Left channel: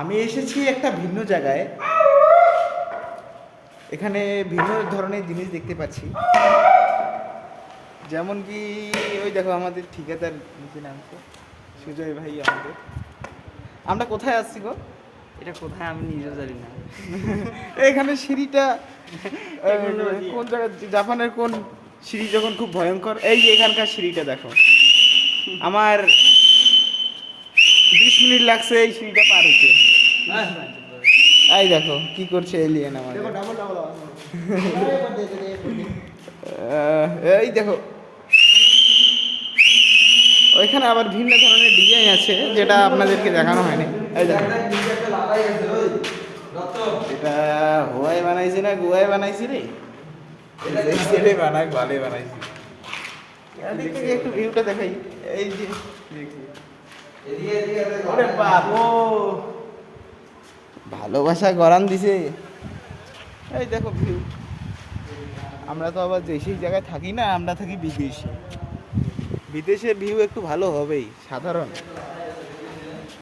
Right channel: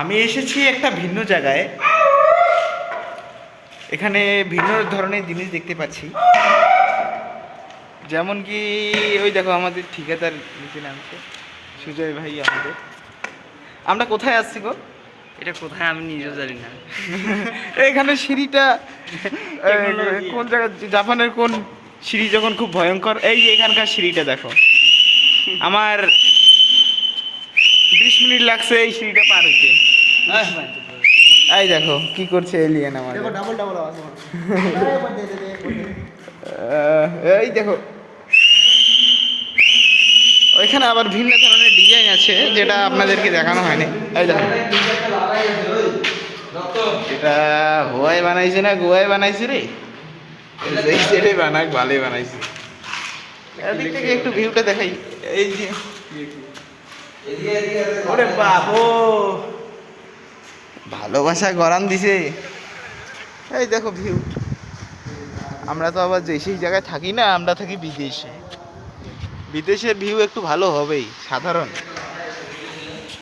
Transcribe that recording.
আমি এসেছি একটা ভিন্ন জায়গায়। এখানে ভিন্ন ধরনের জিনিস দেখতে পাচ্ছি, যেমন কি ওই দেখো আমাদের ঠিকাদার নিচে নামছে, সুজয় ভাই আমাদের। আমরা কোথায় আসছি গো? এটা কোথায় আমি নিজেও জানি না। এখানে সিঁড়িটা কোন জায়গা, জাপানের কোন সিঁড়ি যখন খুব ভয়ঙ্কর, এই যে এখানকার সিঁড়িটা দেখো। আমার 20 মিনিট লাগছে এই সিঁড়িটা পার হইতে। এই দেখো কি করছে এলিয়েন আমাদের। এই দেখো ওইখানে আবার ভিন্ন ধরনের ডিজাইন আছে যেটা আপনাদেরকে দেখানো হয়নি। এই দেখো এটা হোয়াই বানাইছে না গোয়ায় বানাইছে রে, এই সাইডে বানাক ভালোই বানাইছে। এদিক থেকে একটু ভিউটা দেখাই। এই যে ওরে বাবু, ভালোবাসা গরম দিছে। এই দেখো ভিউ। আমরা তো আবার যে সেই জায়গায় থাকি না, আমরা থাকি বিদেশে। বিদেশের ভিউ একটু ভালো হবেই, সাধারণ।